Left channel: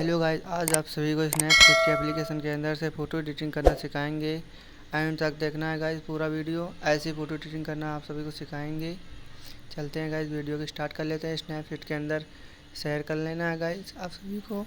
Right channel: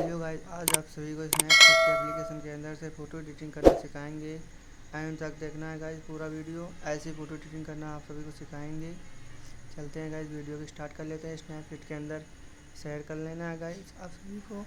Hello guys, आज आप सभी को स्नैपसीड के एप्लीकेशन के अंदर से फ़ोटो एडिटिंग करना सिखाएंगे। एंड तक देखना है गाइस पूरा वीडियो। ऐसी फ़ोटो एडिटिंग करना आप सभी को सिखाएंगे। चलते हैं गाइस, वीडियो को स्टार्ट कर लेते हैं। स्नैपसीड के अंदर शेयर कर लेना है गाइस आप सभी को।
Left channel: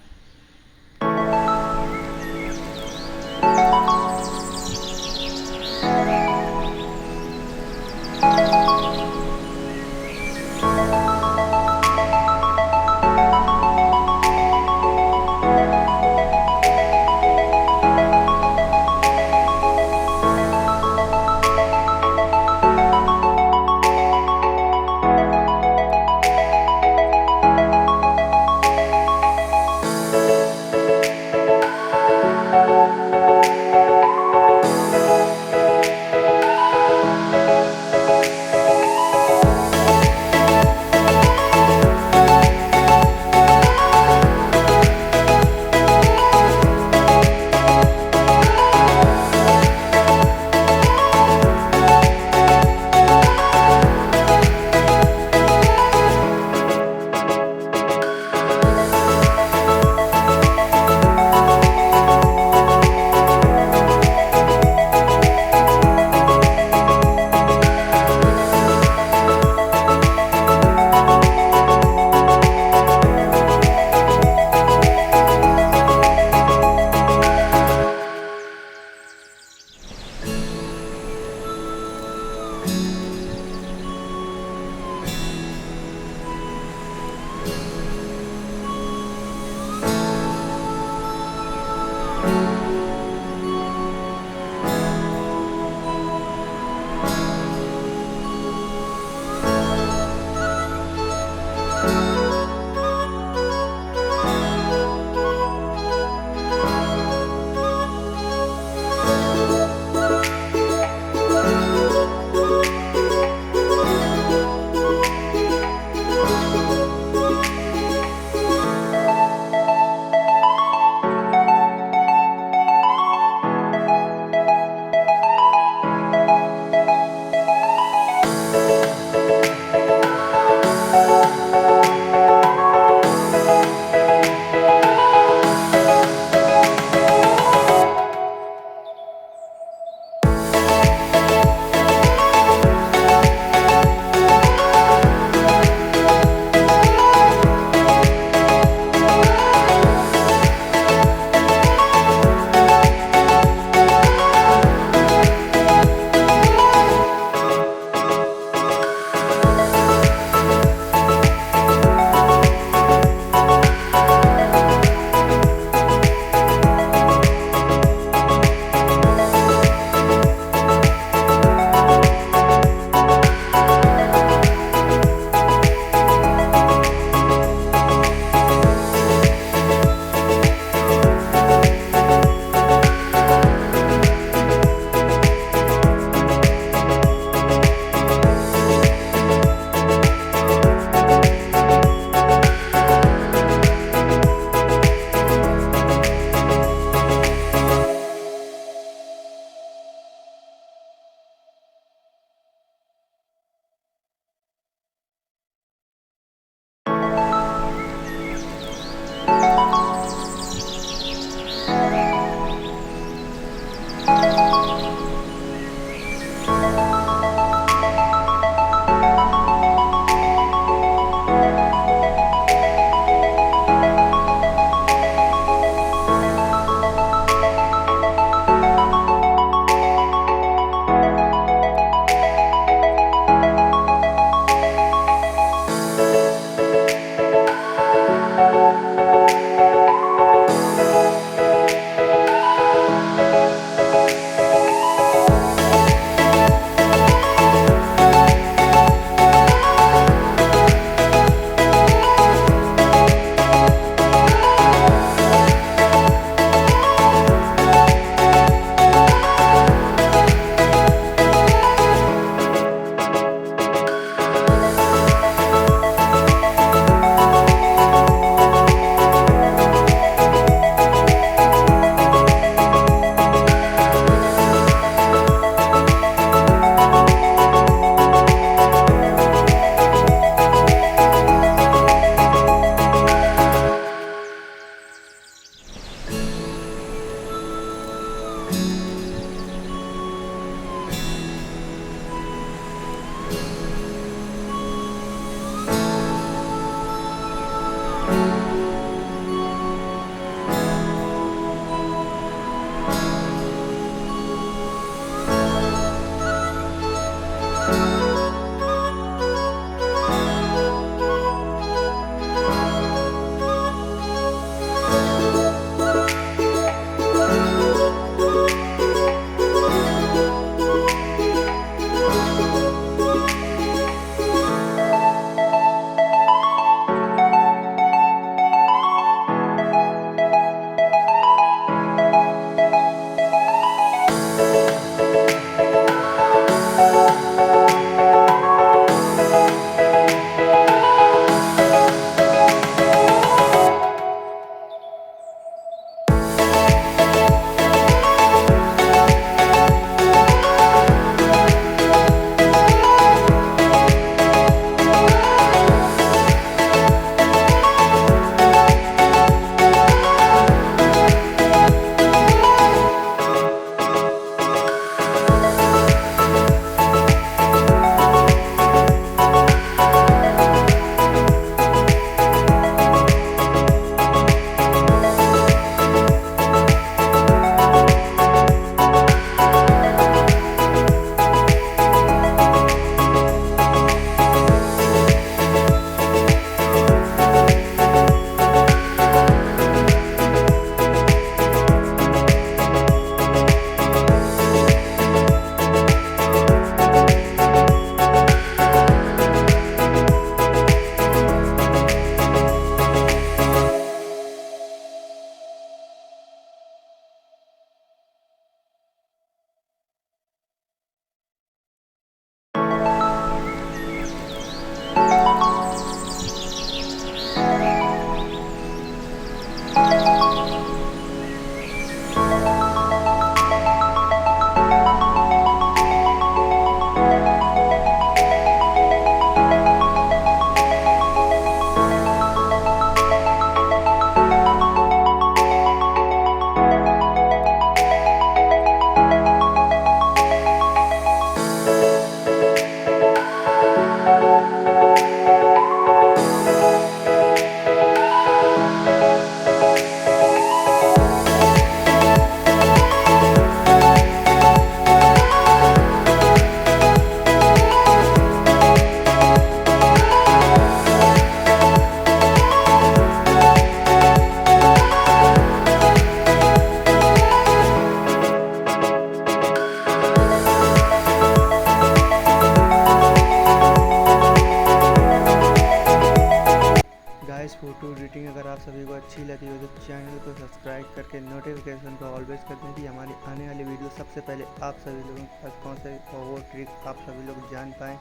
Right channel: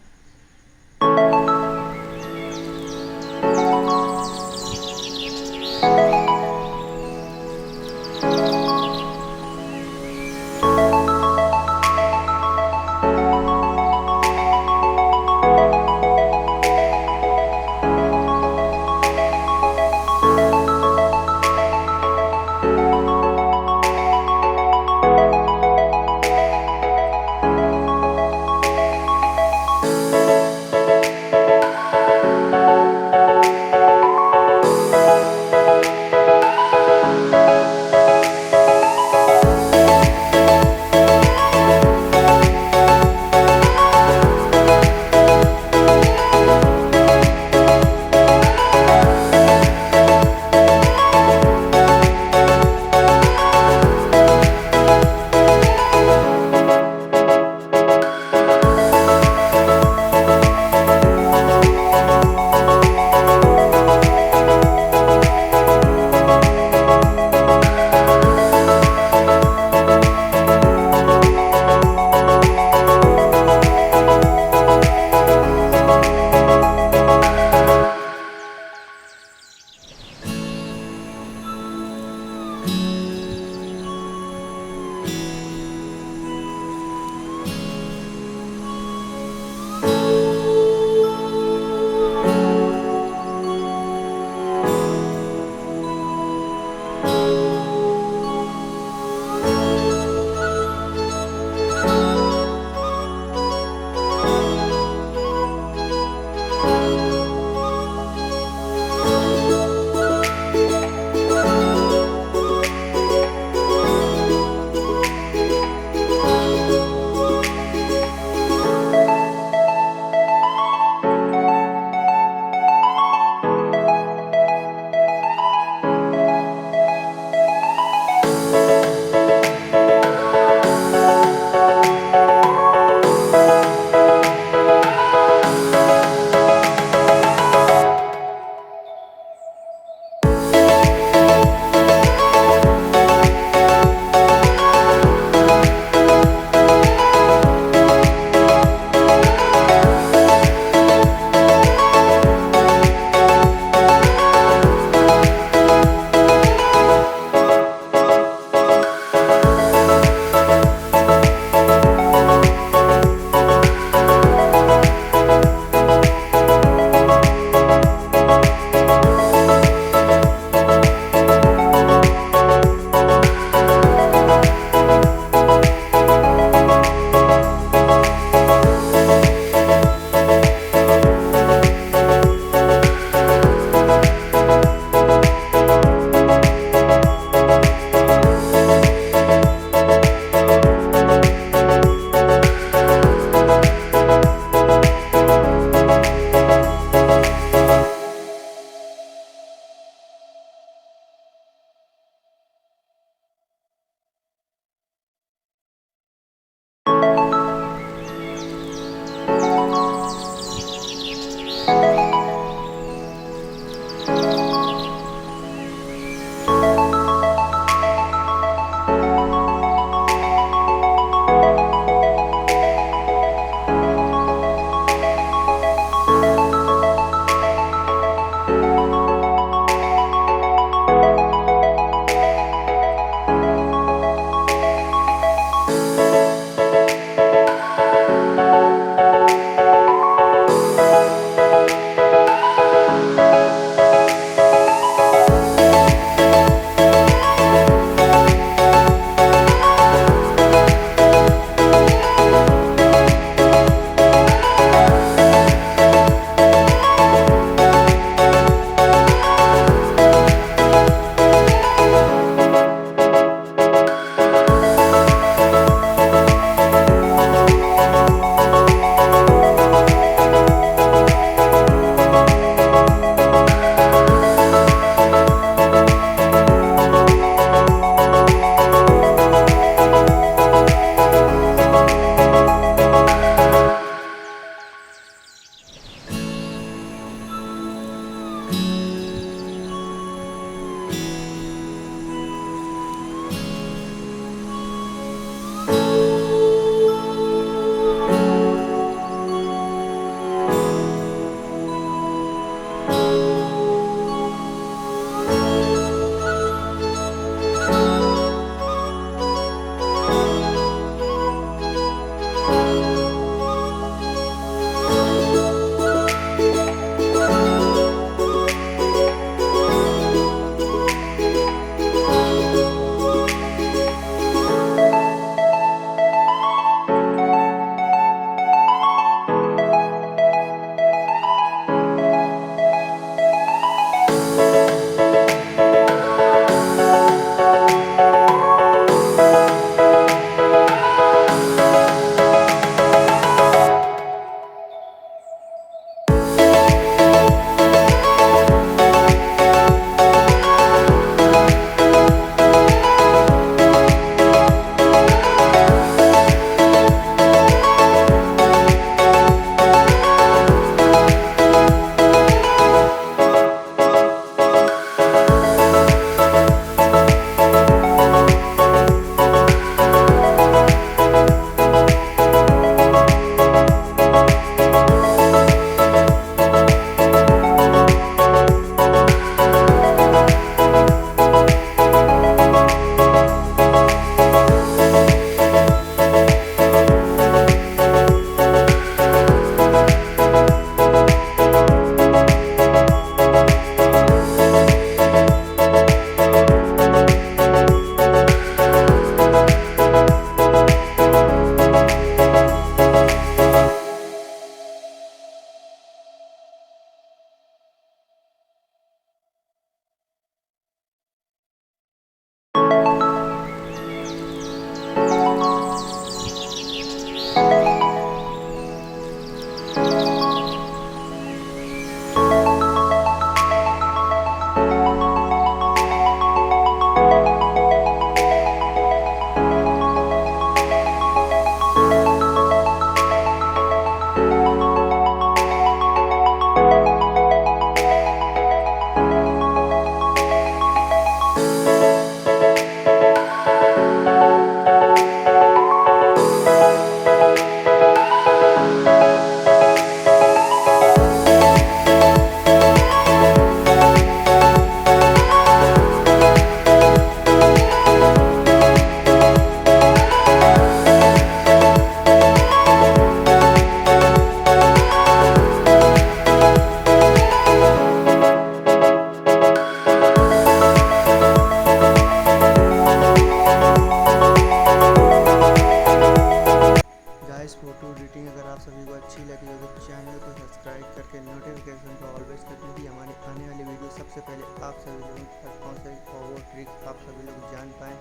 गाइस फ़ोटो एडिटिंग अगर आप सभी को अच्छी लगी हो तो चैनल को सब्सक्राइब करके नोटिफिकेशन को ऑलवेज कर दें कि हमारी आने वाली वीडियो सबसे पहले आप सभी लोगों तक पहुँचे और वो ट्रिक आप सभी लोग जान पाएँ।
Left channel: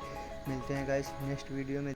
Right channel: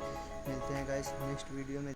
मिलते हैं गाइस नेक्स्ट वीडियो में।